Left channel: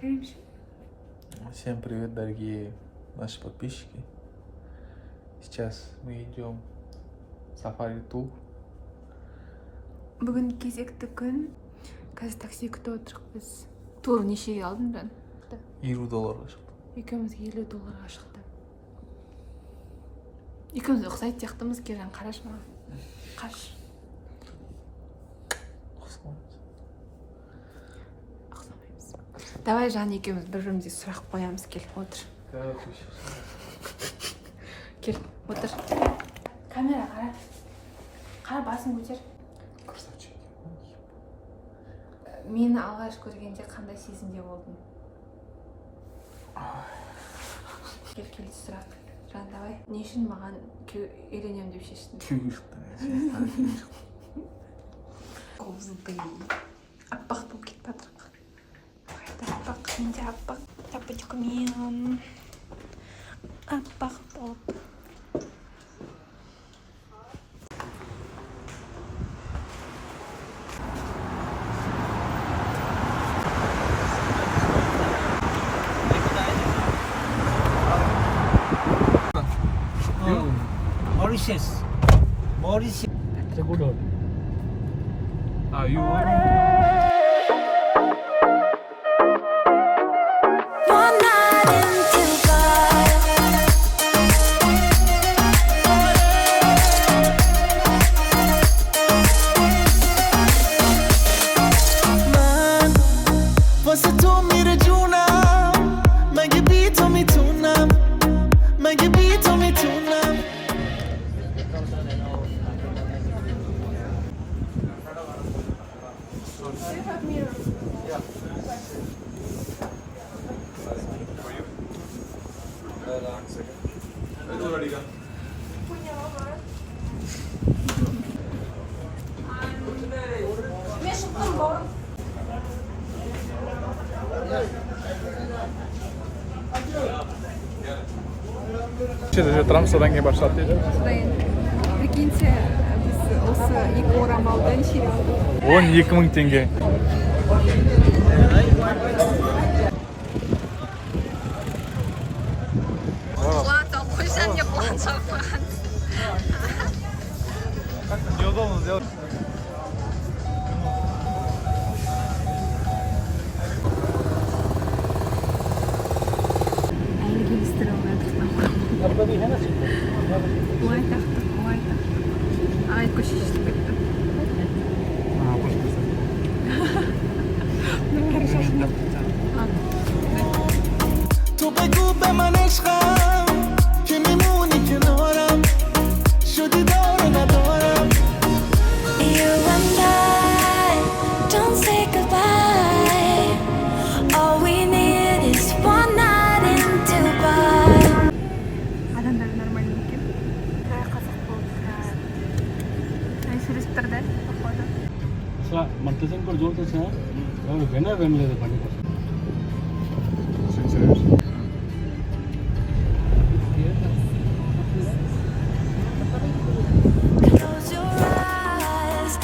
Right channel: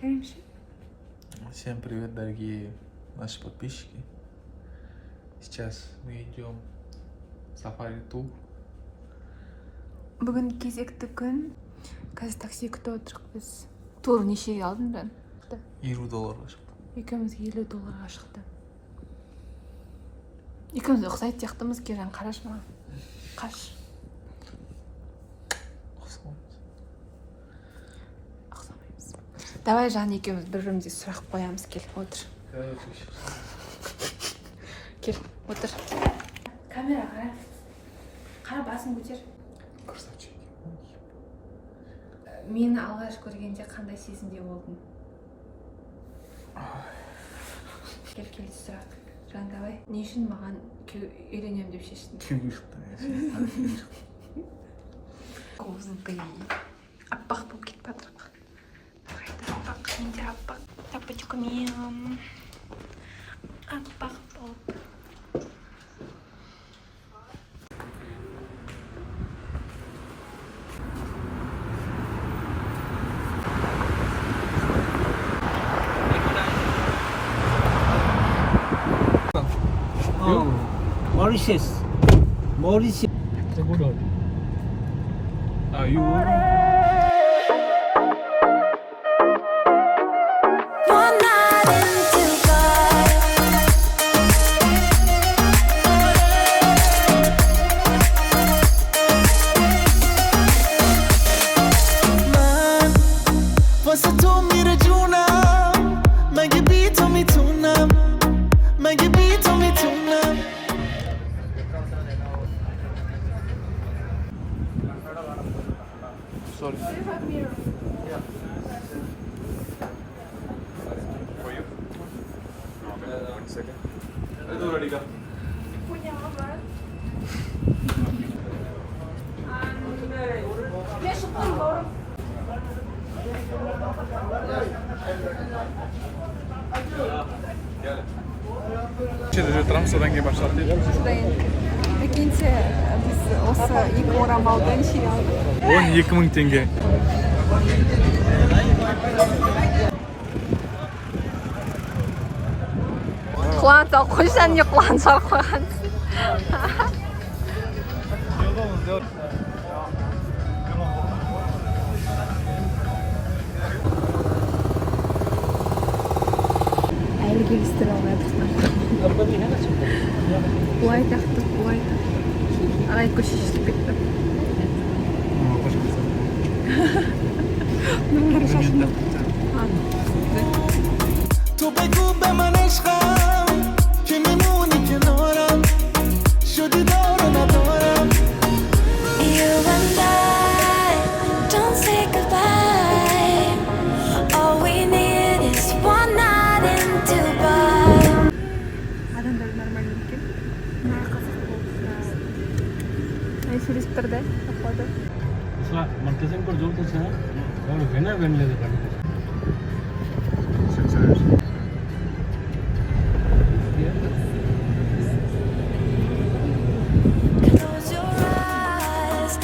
Таримши. Всем привет, дорогие наши подписчики. Сейчас мы идем в Safari Tour. Бүгін кезекті күн. Қазір такси күтіп отырық біз. Тур нешеге алдың да? $50 шықты. Екеумізге $50 шықты. Екеуміз ұқсайды сияқтымыз, Кержан қараш маған. Қаш. Ұқсамаймыз. Давай Жан екеуміз бір-бірімізге сұрақ қоямыз, кел, отыр. Кел, отыр. Камера қара. Қара, басын көтер. Красавчик. Мені алғаш көргенде қандай сезімде болдың? Кел, сұрақ. Жан, давай. Не үшін маған үйленем деп шештің? Күйеуге шықты. Қозылбай. Аппақ болып кетіп жатырық. Қайда аппақ, менде аппақ. Тапочкамен. Аппақ болып. Mauritius. That's a good one. You. One night in Dubai. Man, واسه تو میره جونم مگه بی تو میتونم مگه بی تو میتونم Sorry. Тұрам содан кейін бақсат дейді. Әкенсе, біз осы екі орамалды нешеге алдық? 12.000 теңге. Қуанса қойсан, не қуанса қойған. Әлі келістіре алмайатырсың. Уай тақтық. Ағай көше шешіп кетті. تو بگو به من عشقم که میمونی کنارم شدی دار ندارم You and I don't say goodbye All we need is one night in Dubai Адамдар нормально екен. Қазақ болды. Сөйлесіп тұрды, походу. Montezen por Jordan sa, और vena when ले दे पानी का. Close your eyes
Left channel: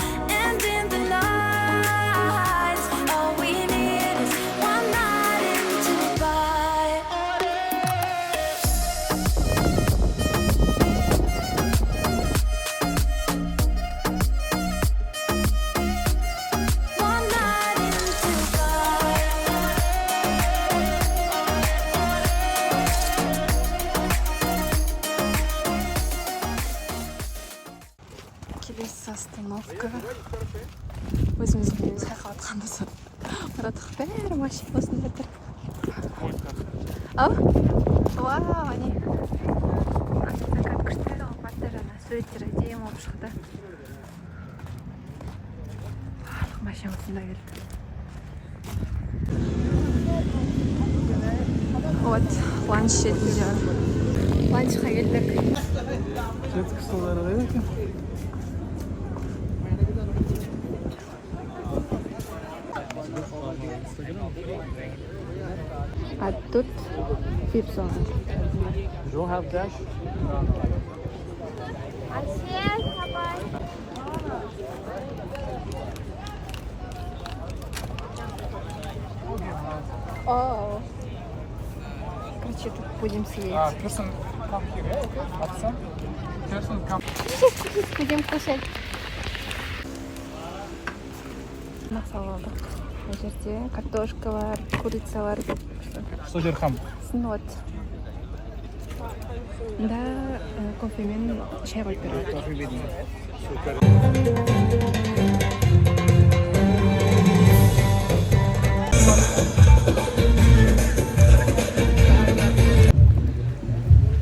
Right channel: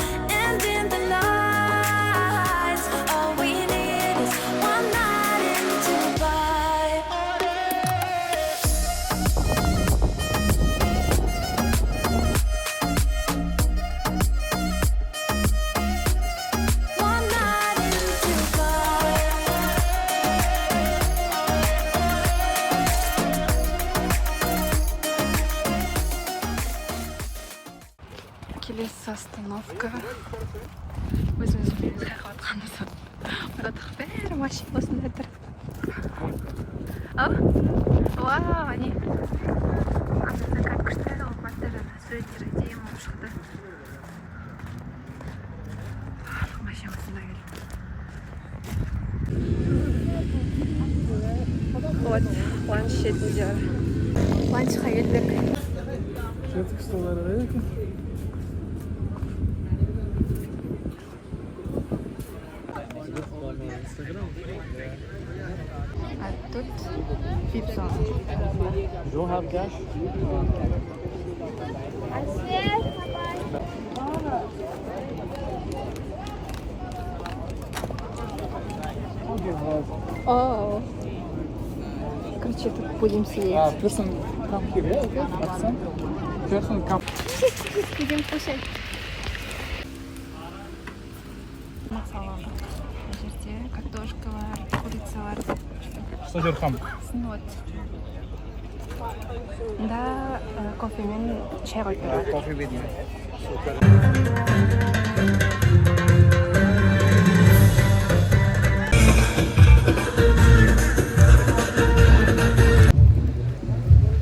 and in the lights All we need is one night in Dubai One night in Dubai Келесі остановка. Өзіміз қайқаватқанда сон. Мұратық бәрі машина осында тұр. Ау? Вау, не? Анда закат күштері алматы жаңа суреттері дейім болып шықты. Барлық машина осында келді. Вот, ланч жетті. Ланчқа келдік. А тут пицца. You don't have cash? Okay, brother. Короче, тут будем сидеть. Person come here. Person come. Будем кушать. Масалада. Эти картошкалар, курицалар. Содерхам. Снот. Да, кофемен чай қойып береді. Coffee with me.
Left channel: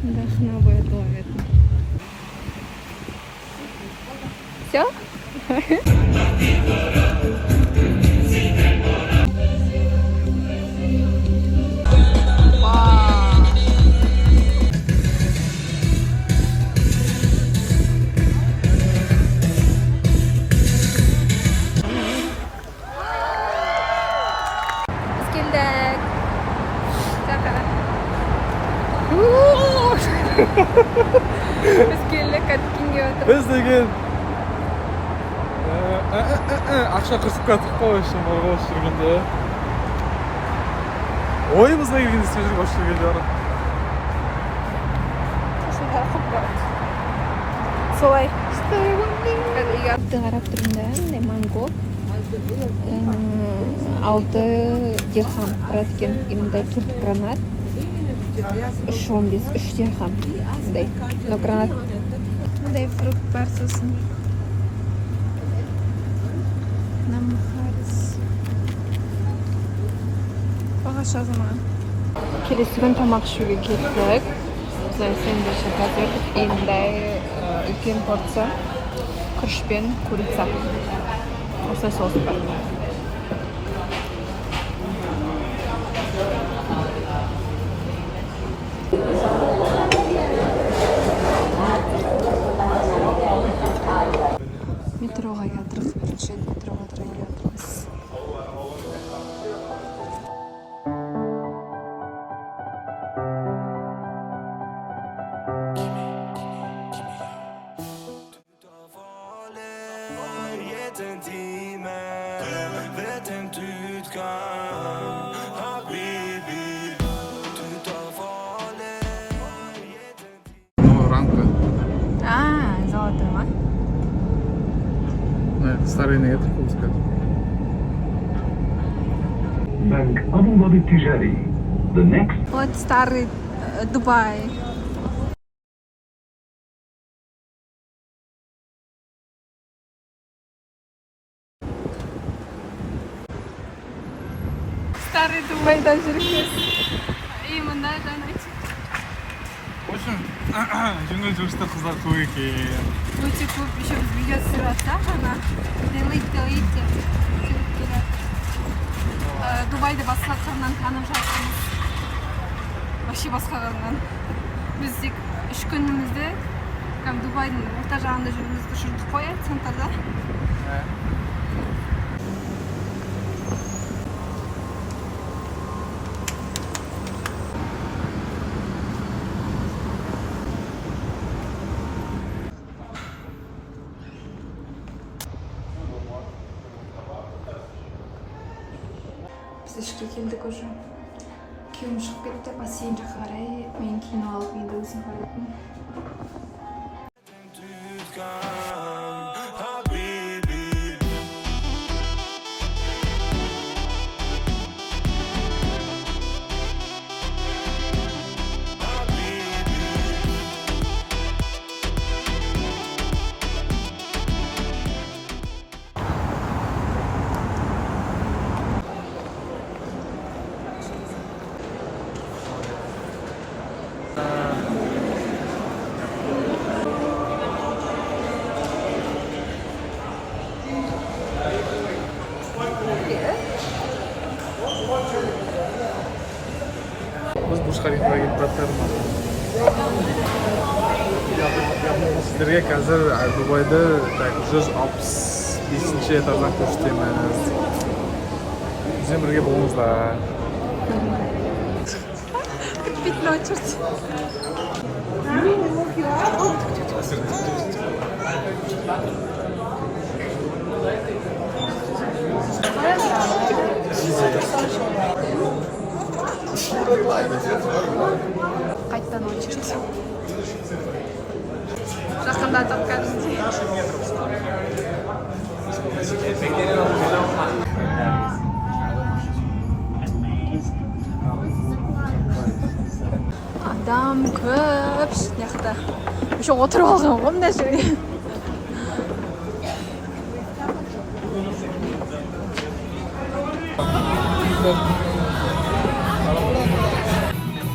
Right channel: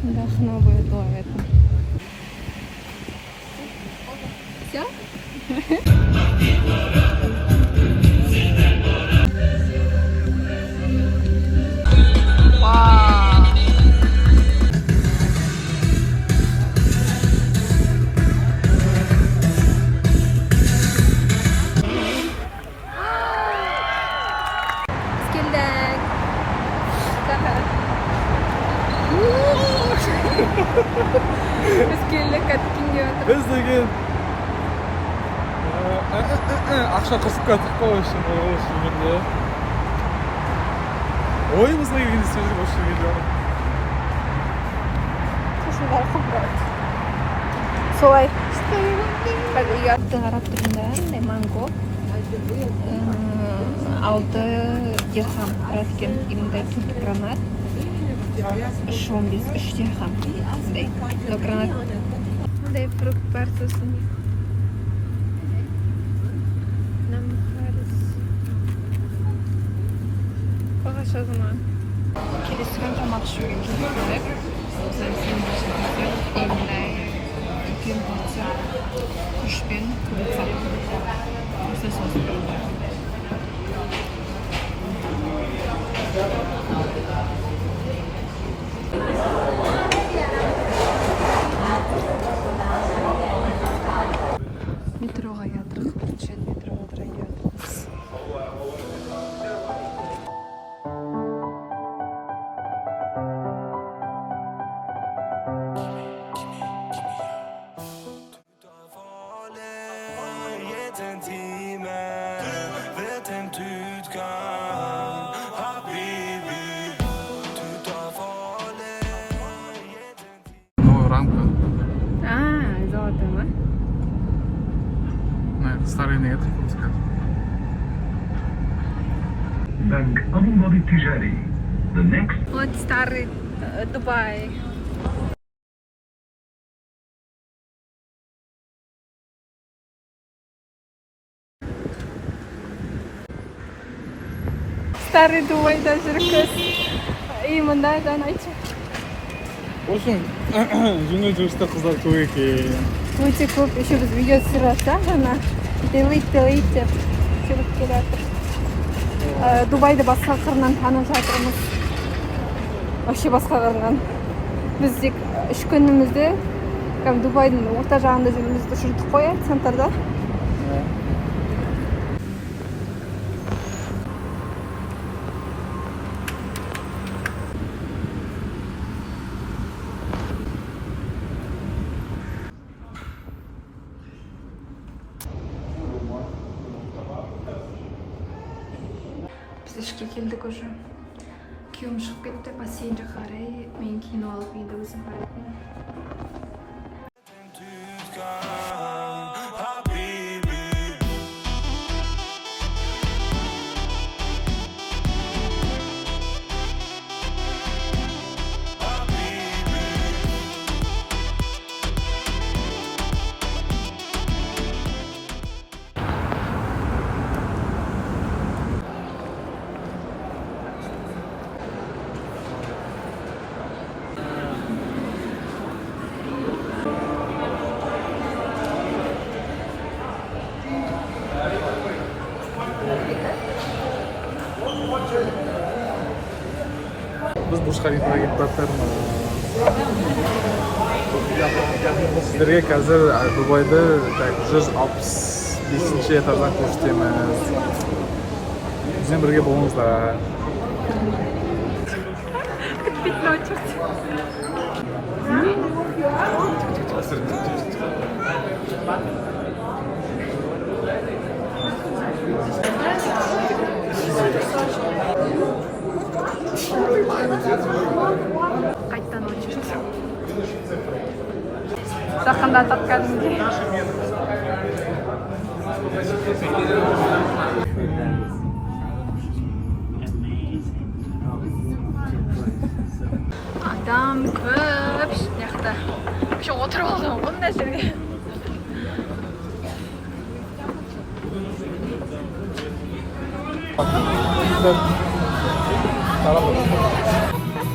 Должно будет ловить. Все? Вау! Скеллек. Скеллек әткенге отыр. Біз деген ақша қырсып кеттік қой үшін осы жүргенде. Ойымызға жүргенде сол жерге осы жерге жаны. Шашылары қоқырады. Солай. Қазір ұятты қарап тұрмын да, манго. 6 дирхам тұрады екен. Мындай 4 гранат. 3-15, 3 дирхам. Мындай. Но гранат. Мындай фрукт бар сосын. Ағаш азаман. Келесі күн тамақ ішуге кеттік. Осылай сендвичный қазір. Мындай 2 порция күріш пен курица. Осылай соус бар. Метроға жатырмыз. Бірінші метроға жатырмыз. Рамка. Золотой ма? Старый негатив. Bank Abu Dhabi Tijari. The next Вот старый Дубай. Старый Дубайда жүрміз. И мында жан айтшы. В общем, жеңіл жүрісте қыздар көп екен. Өте көп. Еще біз видео түсіріп жатсақ жаңа. Делит деп жүріп келе жатыр. Дубайды басқа қырынан танып жатырмыз. Вообще басқа қырынан. Біз тек 3 күнімізде Дубайдың орта жағында жүрдік қой, центрда. Біз ішке келдік уже. Күйеуім шығып кетті, бассейн жаққа қарай. Мен кино алып енді өзім баратын. Biz Burj Khalifaga ketib жатырмыз. Sizlarga hozir Dubayda 165 etajdan ko'rsatamiz. Bizden birga bo'linglar. Купить на очередь. Қайттан очередь. Жақындатып кәдімгідей. Адам көп жақта. Еще отырып алсам ғой мына жерге.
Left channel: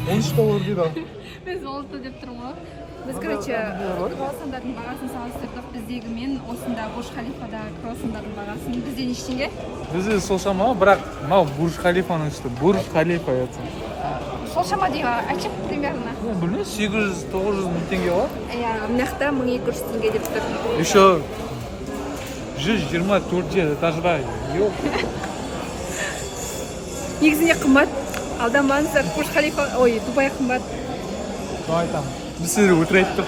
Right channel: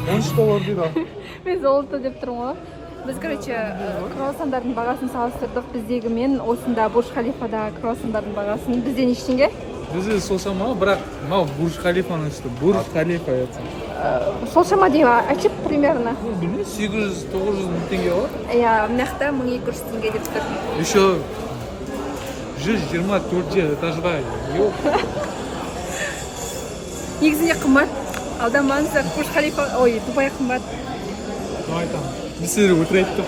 $13 дейді. Мен золото деп тұрмын ғой. Біз, короче, круассандардың бағасын салыстырдық. Біздегі мен осында Бурж Халифадағы круассандардың бағасын. Бізде ештеңе? Бізде сол шама, бірақ мынау Бурж Халифаның ішінде Бурж Халифа айтсам. Сол шама дейін айтып примерно. Білмеймін, 800-900 мың теңге бар. Иә, мына жақта 1200 теңге деп тұр. Еще 124 этажда. Негізінде қымбат. Алданбаңыздар, Бурж Халифа, ой, Дубай қымбат. Соны айтамын. Біз сіздер өтір айттық.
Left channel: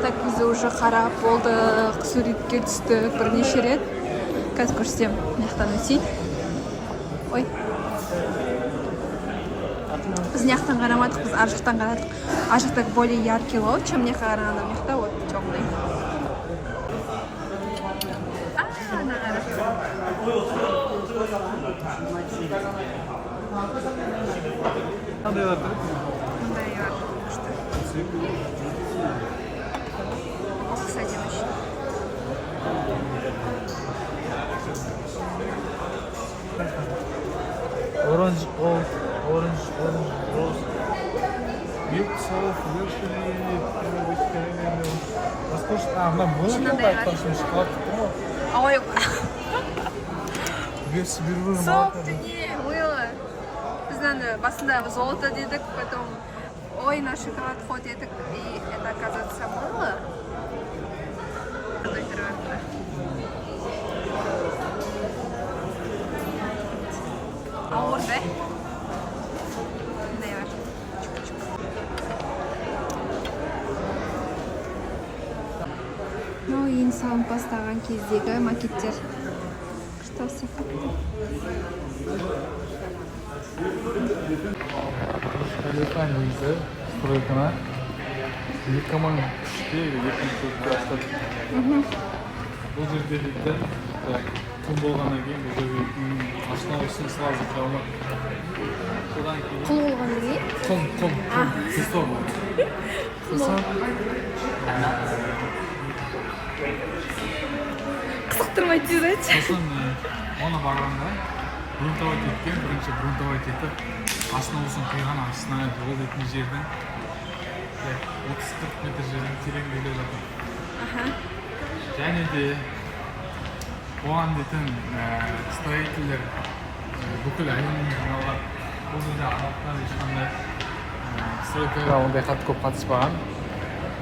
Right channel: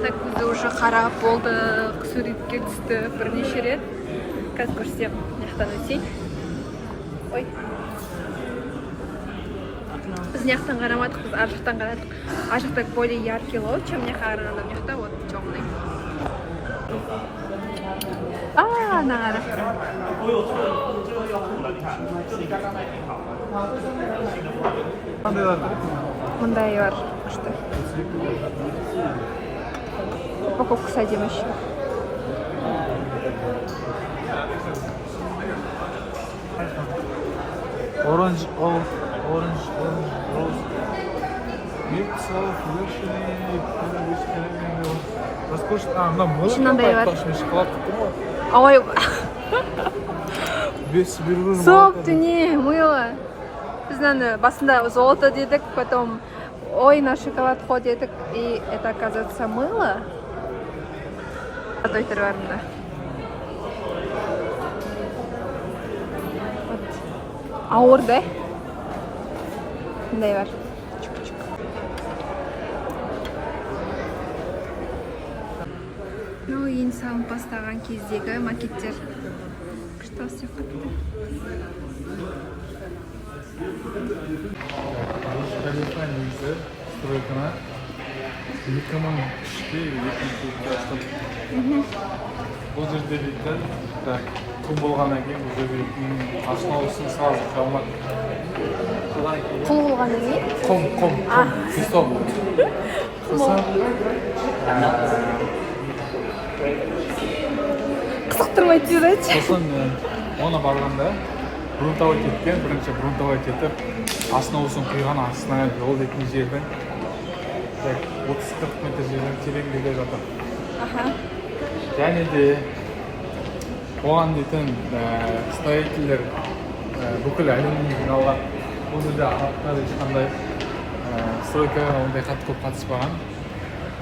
Так, біз уже қарап болдық, суретке түстік бірнеше рет. Қазір көрсетем, мына өтейін. Ой. Біз мына жақтан қарамадық, біз ар жақтан қарадық. Ар жақта более яркий лот, чем мына жаққа қарағанда, мына жақта вот темный. Ана қара. Мындай бар. Күшті. Упаковкасы әдемі еще. Orange, rose. Мынандай бар. Ой, соқты не, мыло. Біз наны басында золото дедік, потом ой, на шоколад ход дедік, и это оказывается мыло. Одной перварно. Ауыр, да? Мындай бар. Ну, ең салып бастаған кездегі макеттер. Күшті сияқты. Халифа негізі стройкана 2003-те 2004-те ашылды. Бұл жерде дейтін құл болғаннан кейін бұл жерде основасын салып жалмады. Құл болғаннан кейін? Құм, песок. Қызықтырмай тезірет. Сосын оны барғанда грунтовой кеткен, бірінші грунтовой кетіп, основасын құйған астына жол дейтін жерден 30-40 метр жерден тереңдеге жатыр. Және де оған дейтін строительдер бүкіл әлемнен жиналған. Бұл жерде арабтар ешқандай стройкаға ондай қатты көп қатыспаған.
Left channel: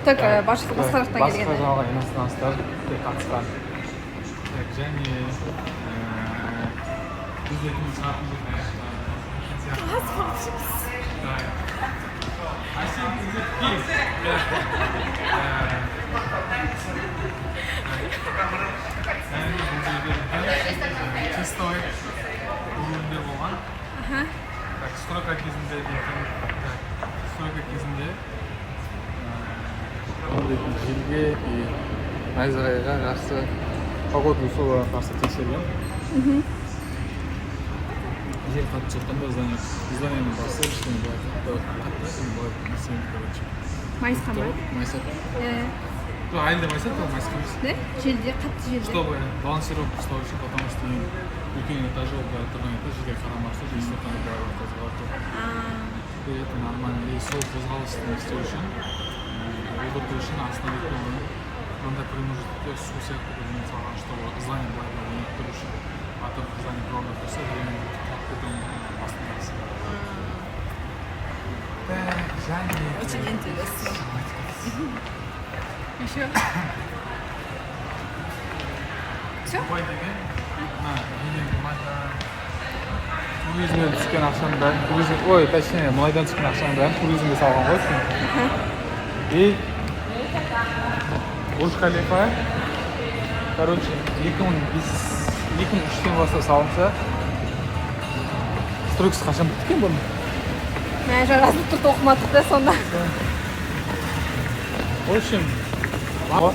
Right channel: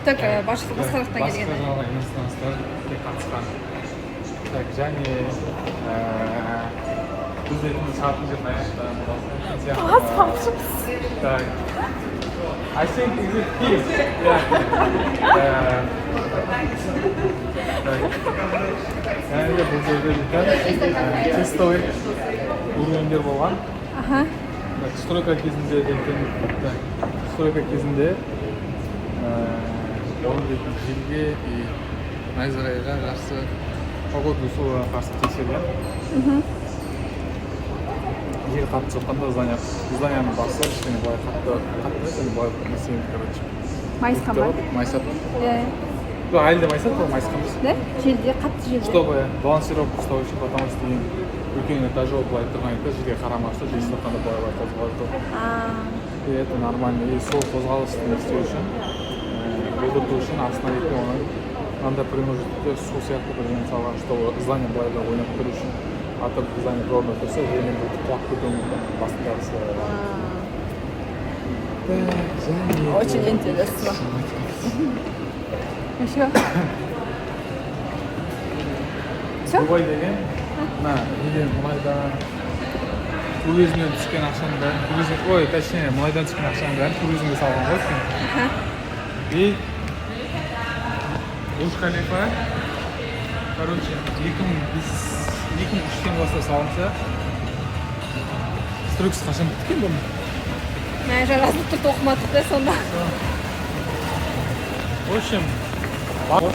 Так, басқа жақтан келген. Басқа жағы иностранецтар қатысқан. Және біз дейтін сағатын деп аяқтан. I think it's a key. Және де бұл жерде дейтін тестовый уровендер болған. Стройка кезінде дейтін, оны дейтін желге и найзағайға қарсы погодный условияға қарсы тексерген. Жер қатты соққанда зданияны басылып, кішкене былай қатты былай нәрсемен, короче. Майысқан ба? Майысады. Иә. Әлі де майысады, ол майысқанбыз. Да? Желде, қатты желде. Чтобы балансировку ұстау үшін, потому что мен үлкен этажы былай тұрған етті, жерге қарамақшы, жер соққанда былай қозғалып. И это нормально. И сол қозғалысты істеу үшін, болдырту үшін астына оны мынандай преимущество су сияқты бірдеңе салған, чтобы здание былай ойнап тұру үшін. Атып здание орнында тұрса, жермен бүйтіп құлап кетуі мүмкін. Басындағысы. Және... Очень интересно. Еще? Все? Дубай деген, неден мұнайдан туризмнен түскен ақшаның бәрін, точнее, мұнайдан түскен ақшаның бәрін туризмге салған ғой сен. И Бурж Халифа, короче, 2003-тен бастап салынса, Түркс қашан бітті екен бұны? Мә жазып тұрды оқымадық та сонда. В общем, бар.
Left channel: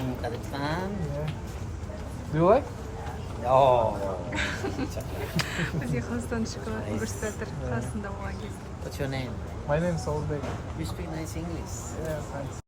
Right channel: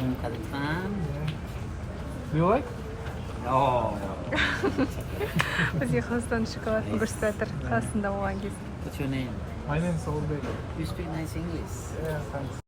in Kazakhstan. Do you like? Oh, Бізге Қазақстан шоколадын көрсетіп жатыр. Қазақстанда болған кезде. what's your name? My name is Solbek. You speak nice English. Yeah, thanks.